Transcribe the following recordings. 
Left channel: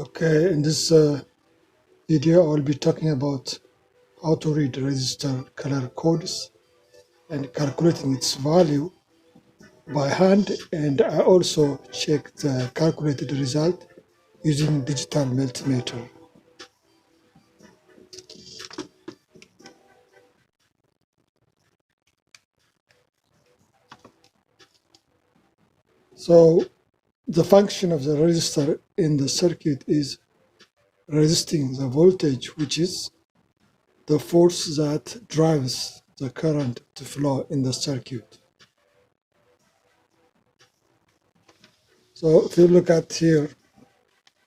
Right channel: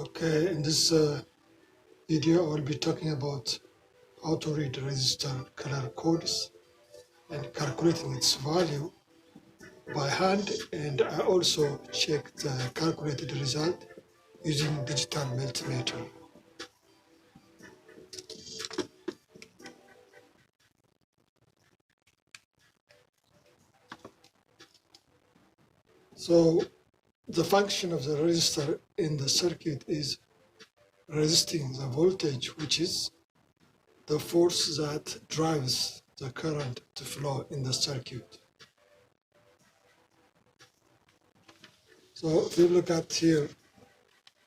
Okay, in this video I will be talking about how to read resistor color codes and calculating its value by hand, and I also check the calculated result using digital multimeter. So the function of the resistor in the circuit is resisting the voltage, which is the force that drives the current to flow in the circuit. So if you look at here,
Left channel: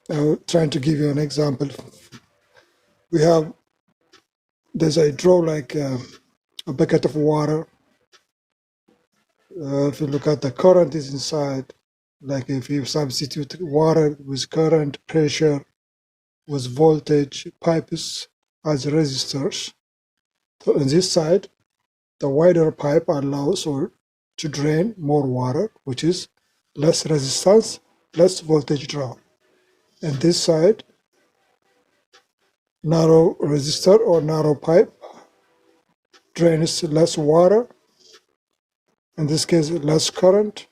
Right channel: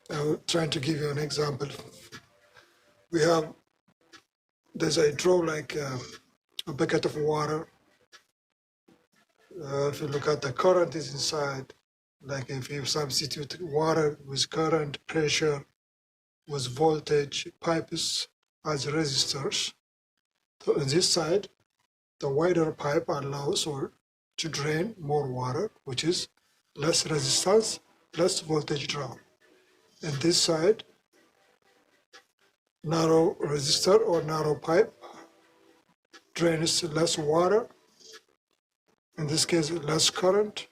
I'm trying to give you an example. We have, there's a draw like a bucket of water. If you look at the current is inside, like if you substitute water with current, pressure, with voltage, pipes as resistors. So on this side, the wider pipe allows or to drain more water, which is less resistance, less voltage drop. And this side, narrow resistor or narrow pipe drains less water, in this case less current,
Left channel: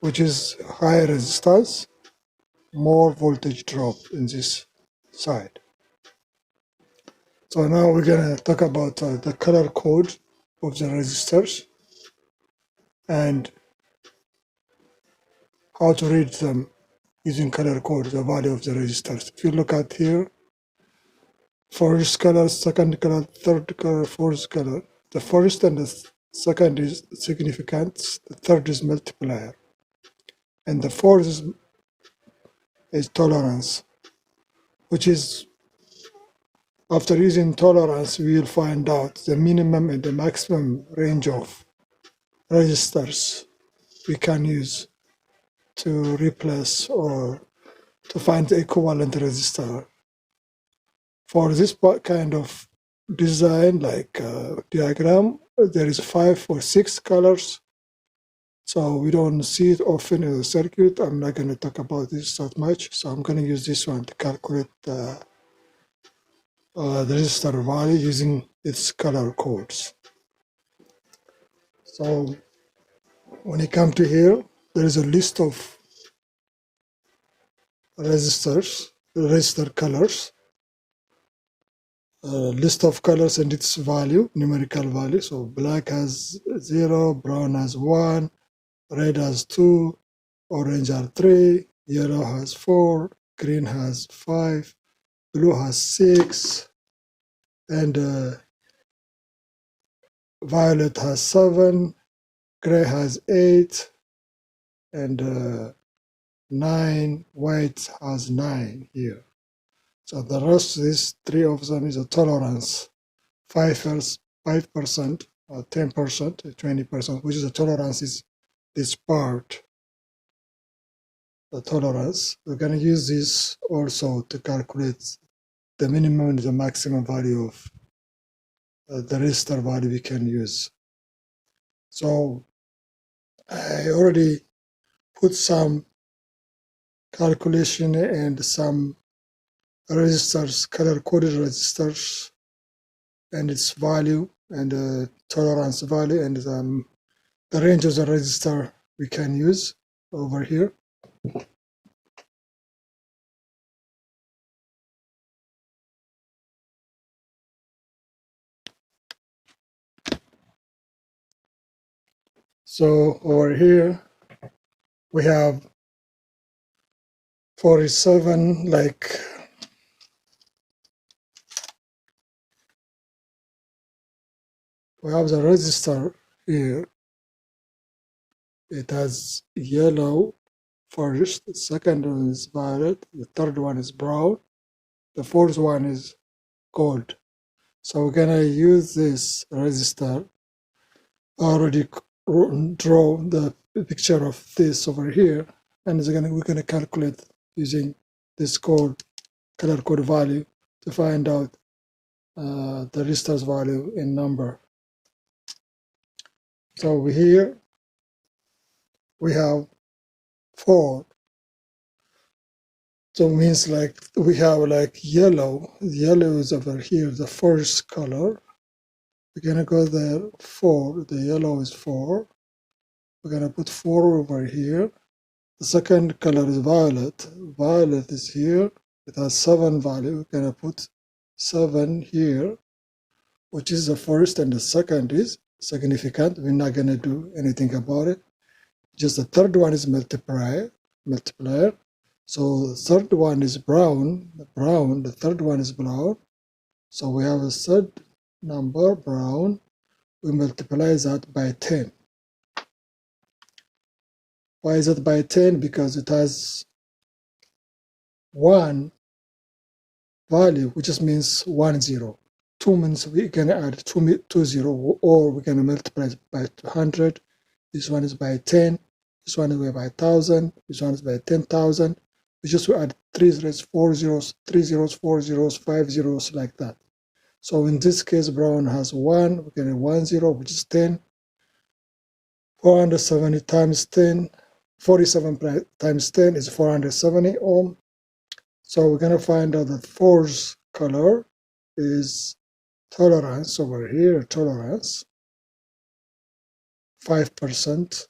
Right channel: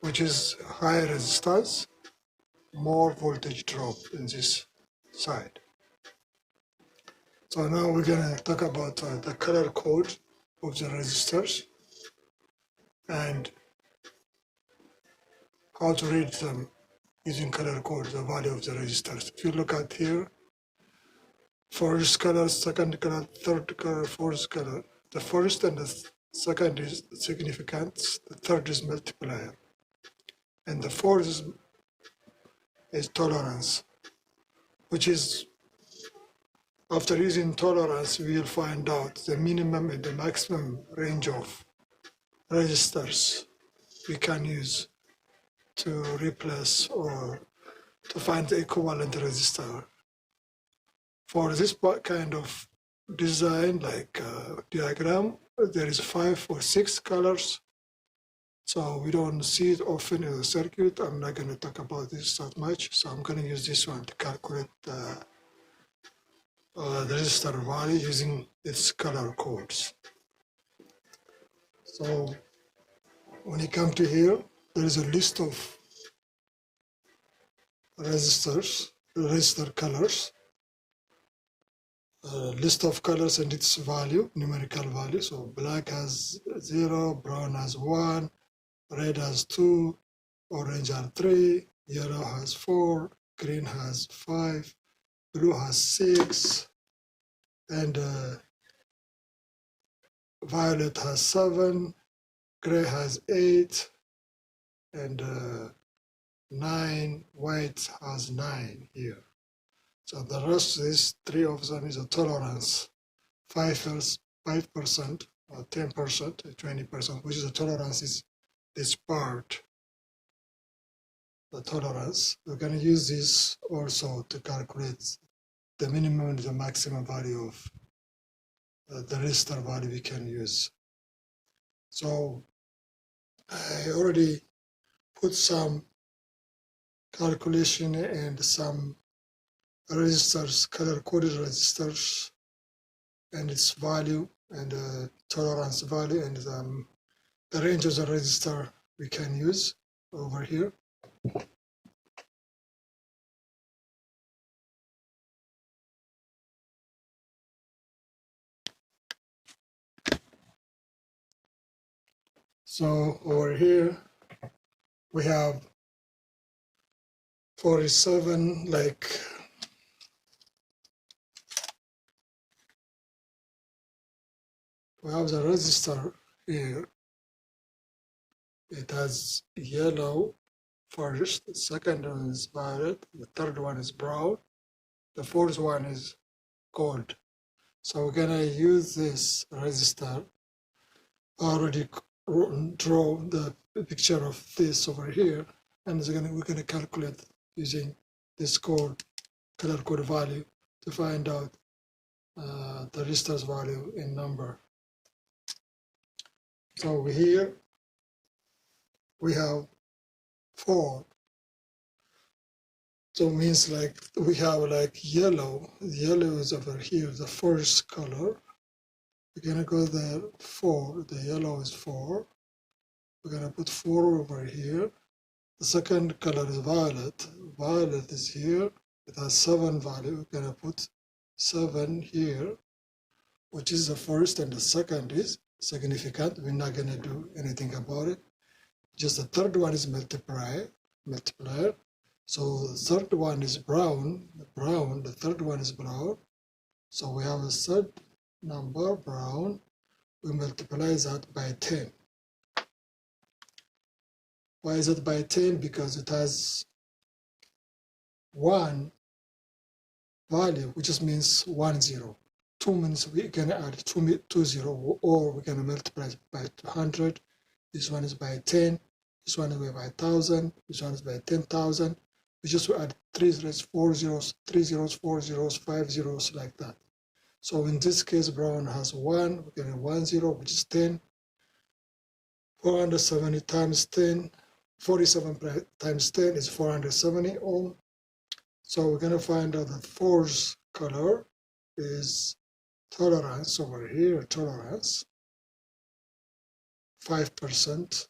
which is high resistance, more voltage drop in this side. So now we're going to talk about the color code of the resistors and how to read them using color code, the value of the resistors. If you look at here, first color, second color, third color, fourth color. The first and the second is significant, the third is multiplier, and the fourth is tolerance, which is, after using tolerance, we will find out the minimum and the maximum range of resistors we can use to replace or to find the equivalent resistor. For this kind of design, like diagram, there is 5 or 6 colors, so we don't see it often in the circuit. I'm not going to talk about this that much, so I'm going to use this one to calculate the resistor value using its color codes. So when you come to here, there is a list of resistor colors, list of colors and its value, numerical value. So black has 0, brown has 1, red has 2, orange has 3, yellow has 4, green has 5, blue has 6, and violet has 7, gray has 8, and 9, white has 9 here. So the rest, these 3 of them is a tolerance, 5%, or 10%, or 20%, which is the tolerance is this part, the tolerance. We're going to use this also to calculate the minimum and the maximum value of the resistor value we can use. So I already put some calculation and some resistors, color-coded resistors, and its value, and tolerance value, and the range of the resistor we can use over here. So over here we have 47, like we have the resistor here. It has yellow first, the second one is violet, the third one is brown, the fourth one is gold. So we're gonna use this resistor. I already draw the picture of this over here, and we're gonna calculate using this color code value to find out the resistor's value in number. So over here we have 4 So it means like we have like yellow. Yellow is over here, the first color. We're gonna go there, 4. The yellow is 4. We're gonna put 4 over here. The second color is violet. Violet is here. It has 7 value. We're gonna put 7 here, which is the first, and the second is significant. We're not gonna do anything about it. Just the third one is multiplier. So the third one is brown. The third one is brown. So we have a third number, brown. We multiply that by 10. Why is it by 10? Because it has 1 value, which just means 1 0. 2 means we can add 2 0, or we can multiply it by 200. This one is by 10. This one is by 1,000. This one is by 10,000. We just add 3 zeros, 4 zeros, 3 zeros, 4 zeros, 5 zeros, like that. So in this case, brown has 1. We can add 1 0, which is 10. 470 times 10. 47 times 10 is 470 ohm. So we're going to find out that fourth color is tolerance over here, tolerance, 5%.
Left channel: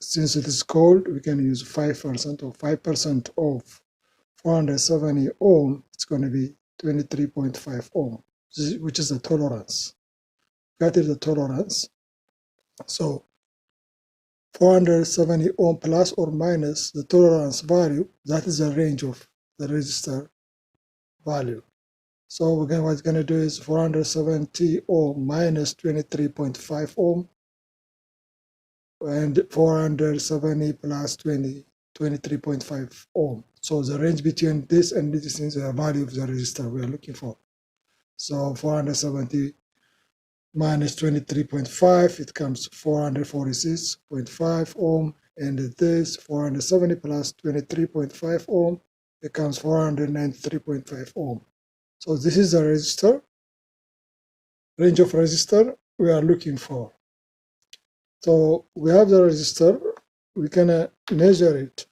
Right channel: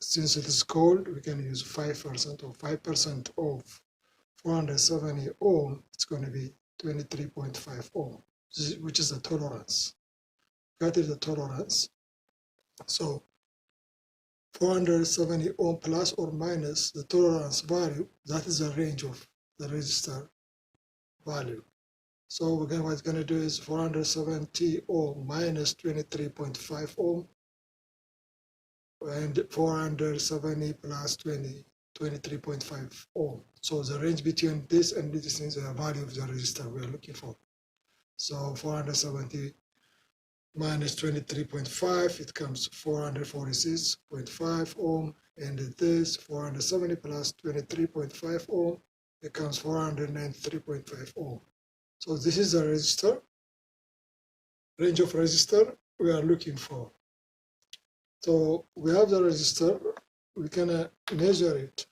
Since it is cold, we can use 5%, or 5% of 470 ohm. It's going to be 23.5 ohm, which is the tolerance. That is the tolerance. So 470 ohm plus or minus the tolerance value, that is the range of the resistor value. So again, what it's going to do is 470 ohm minus 23.5 ohm, and 470 plus 23.5 ohm. So the range between this and this is the value of the resistor we are looking for. So 470 minus 23.5, it comes 446.5 ohm, and this 470 plus 23.5 ohm, it comes 493.5 ohm. So this is the resistor, range of resistor we are looking for. So we have the resistor, we can measure it,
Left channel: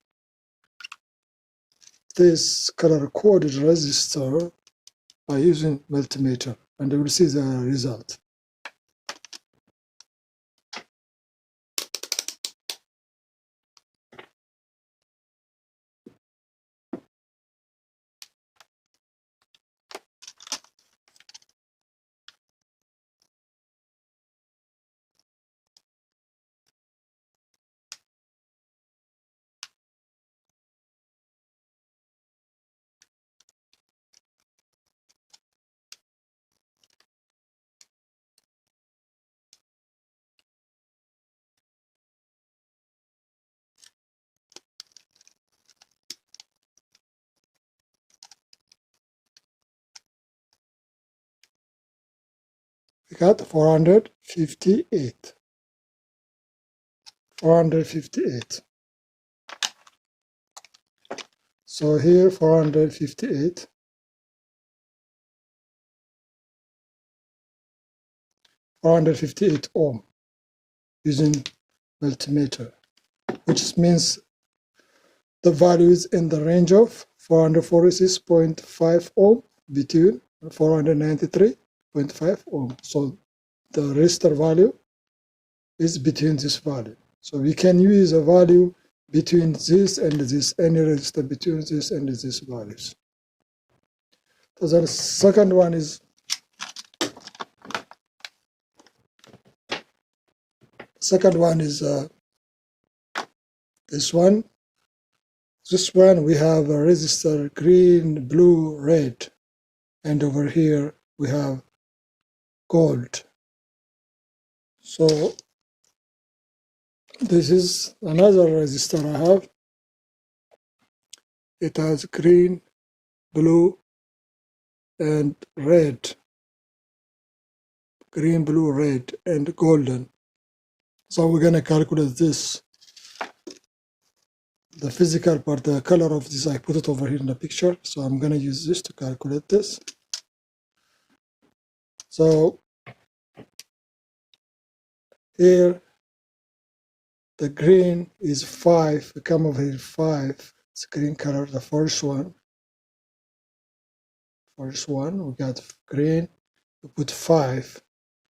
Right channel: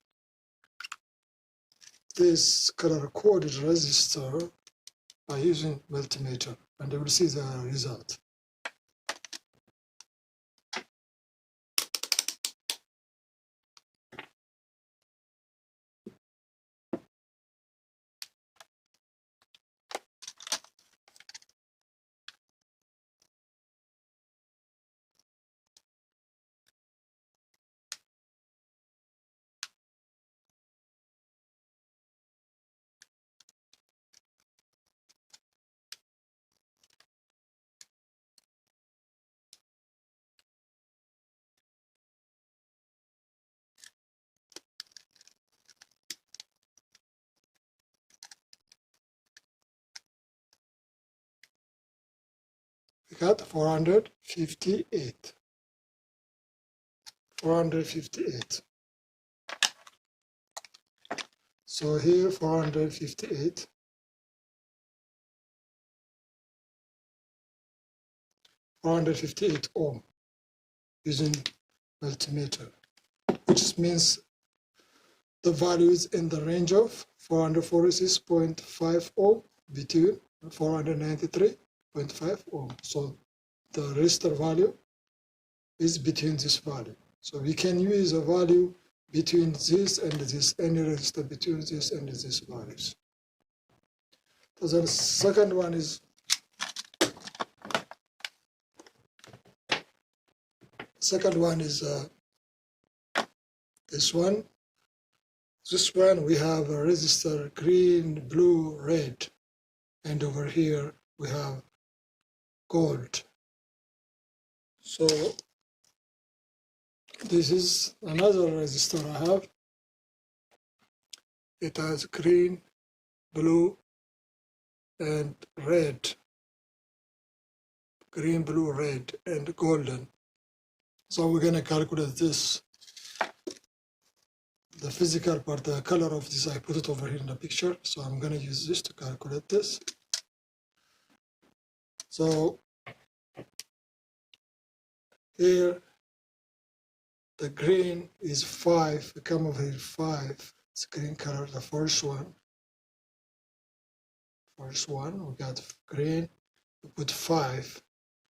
this color coded resistor, by using multimeter, and you will see the result. We got 458. 458. So here 458. 458 ohm using multimeter, which means the value is in the range of 446.5 ohm between 493.5 ohm. So the resistor value is between this value. So we can use a value between this and this, any resistor between this and these values. So the second one is this one. This one we have a resistor green, blue, red, and over here we have gold. So this is another resistor I have. It has green, blue, and red. Green, blue, red, and golden. So we're going to calculate this. The physical part, the color of this, I put it over here in the picture. So I'm going to use this to calculate this. So here, the green is 5. We come over here 5. It's green color. The first one, we got green. We put 5.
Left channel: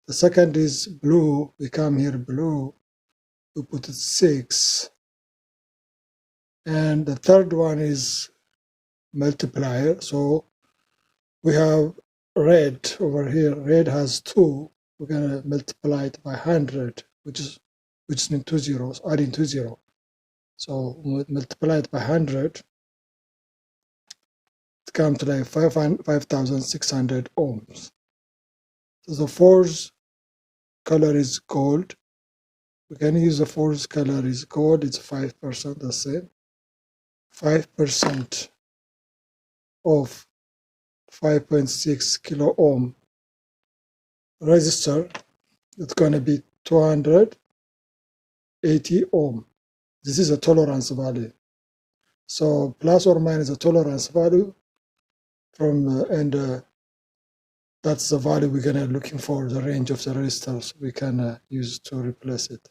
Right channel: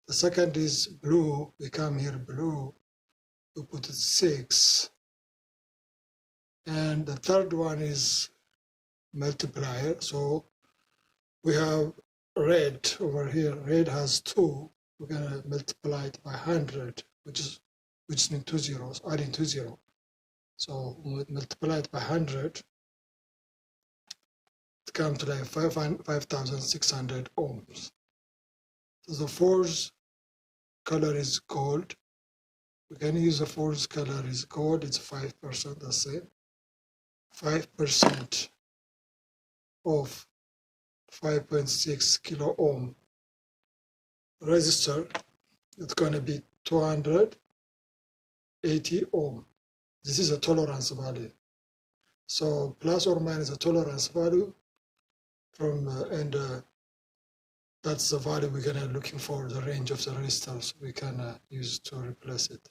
The second is blue. We come here blue. We put 6. And the third one is multiplier. So we have red over here. Red has 2. We're gonna multiply it by 100, which means 2 zeros, adding 2 zeros. So we multiply it by 100. It comes to like 5,600 ohms. So the fourth color is gold. We can use the fourth color is gold. It's 5%, the same. 5% of 5.6 kilo ohm resistor. It's going to be 280 ohm. This is a tolerance value. So plus or minus a tolerance value from that's the value we're gonna looking for, the range of the resistors we can use to replace it.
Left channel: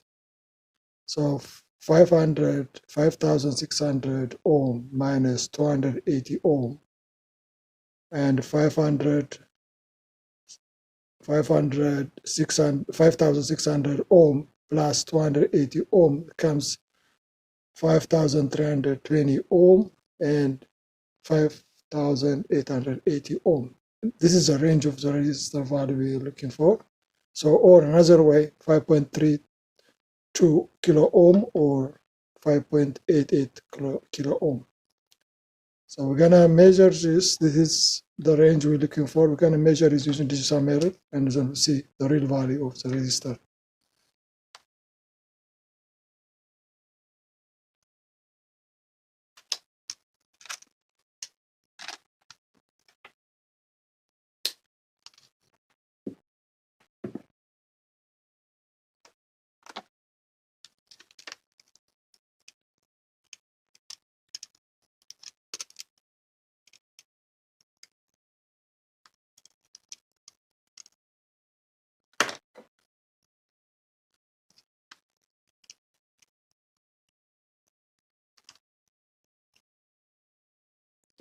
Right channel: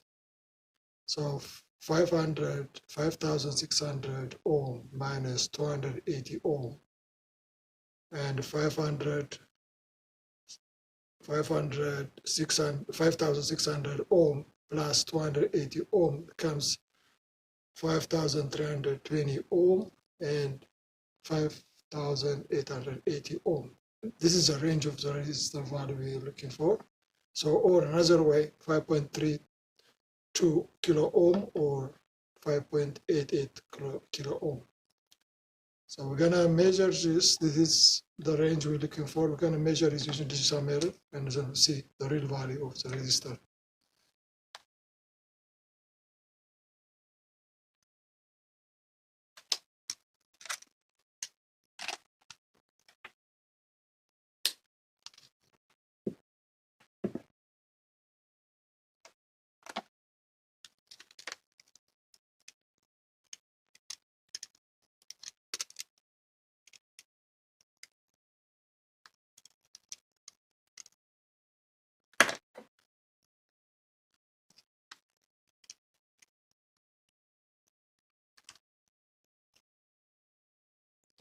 So 5,600 ohm minus 280 ohm, and 5,600 ohm plus 280 ohm becomes 5,320 ohm and 5,880 ohm. This is the range of the resistor value we're looking for. So, or another way, 5.32 kilo ohm or 5.88 kilo ohm. So we're gonna measure this. This is the range we're looking for. We're gonna measure it using digital meter and then see the real value of the resistor.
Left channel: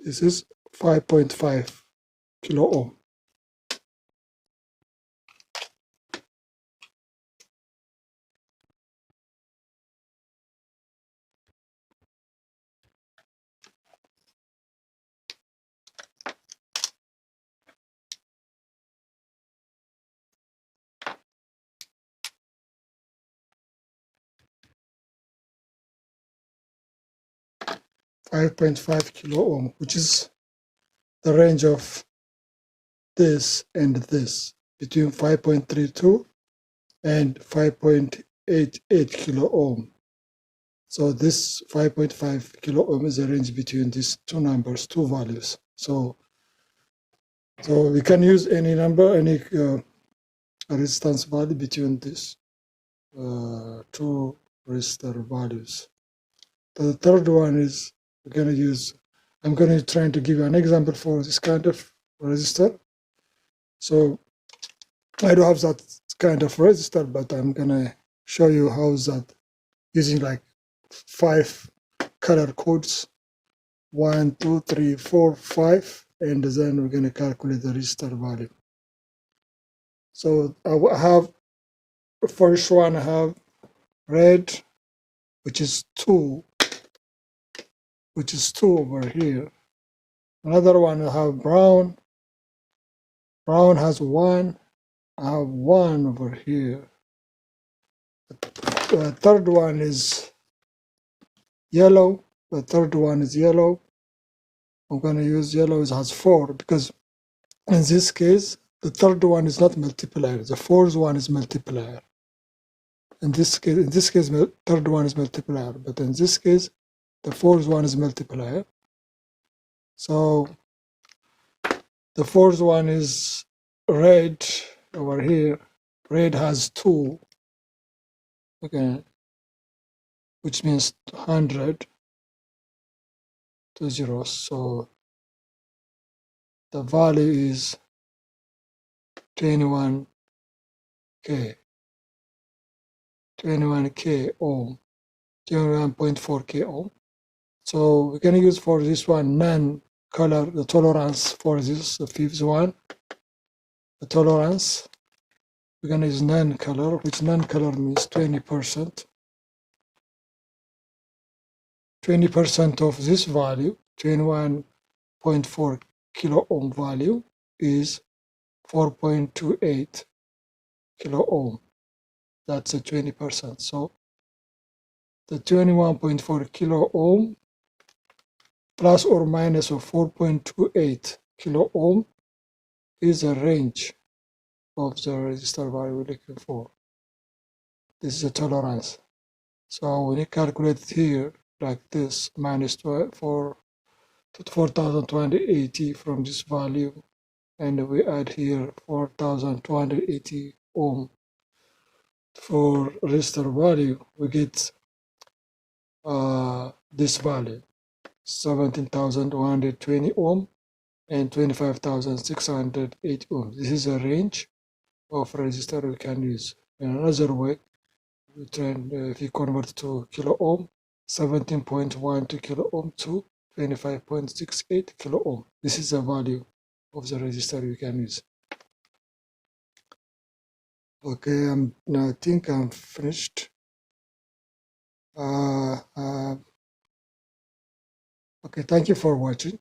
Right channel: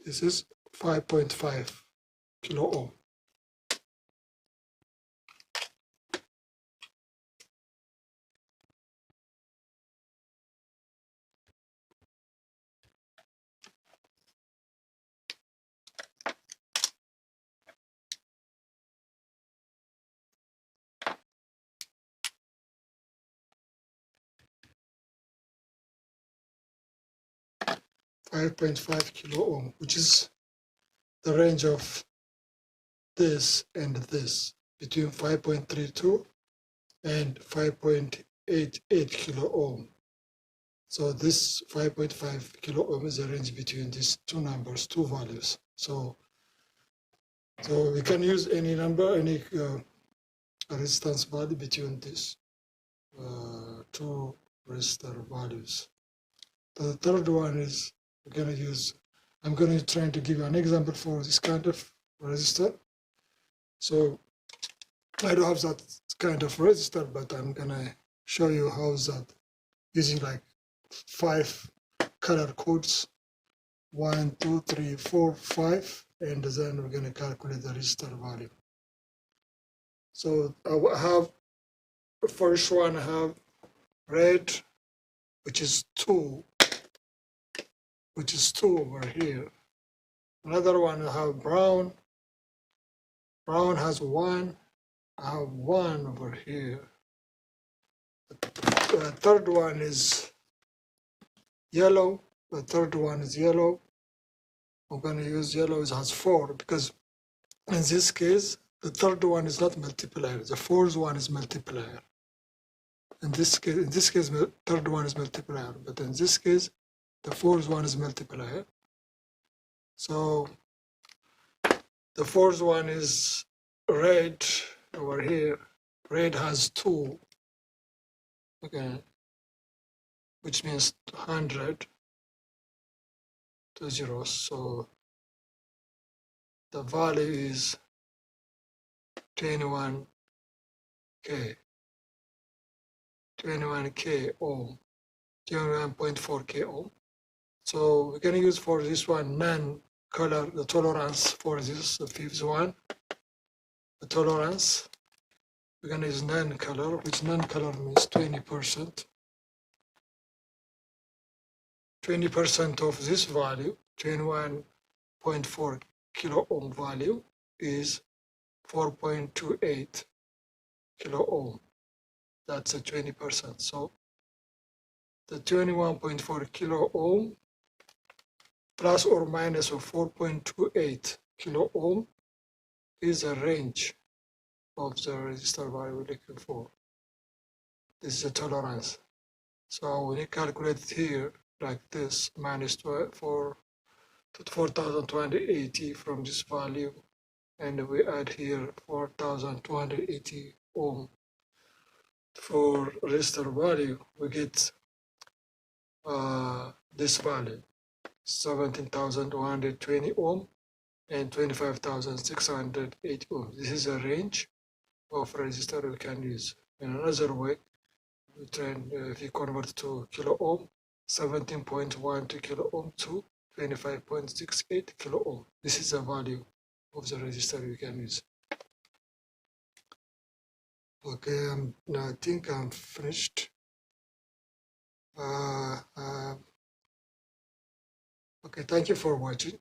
This is 5.5 kilo ohm. 5.5 kilo ohm, which is the range of this and this, between 5.32 and 5.88 kilo ohm. So this 5.5 kilo ohm is the range between these two numbers, two values. So we can use any number, any resistance value between these two resistor values. The third one is we're going to use, I'm going to try to give you an example for this kind of resistor. So I don't have that kind of resistor, but I'm going to show you how that using like 5 color codes, 1, 2, 3, 4, 5, and then we're going to calculate the resistor value. So I have the first one, I have red, which is 2 over here. Another one I have brown. Brown has 1. I have 1 over here. The third one is yellow. The third one is yellow. I'm going to use yellow. It has 4 because in this case, the third one is not multiplier. The fourth one is multiplier. In this case, the third one is multiplier. But in this case, the fourth one is multiplier. So the fourth one is red over here. Red has 2, okay, which means 100, 2 zeros. So the value is 21K ohm, 21.4K ohm. So we're going to use for this one non-color, the tolerance for this, the fifth one, the tolerance. We're going to use non-color, which non-color means 20%. 20% of this value, 21.4 kilo ohm value, is 4.28 kilo ohm. That's a 20%. So the 21.4 kilo ohm plus or minus of 4.28 kilo ohm is a range of the resistor value we're looking for. This is a tolerance. So when you calculate it here like this, minus 4,280 from this value, and we add here 4,280 ohm for resistor value, we get this value, 17,120 ohm and 25,608 ohm. This is a range of resistor we can use. In another way, we turn, if you convert to kilo ohm, 17.12 kilo ohm to 25.68 kilo ohm. This is the value of the resistor we can use. Okay, I think I'm finished. Okay, thank you for watching.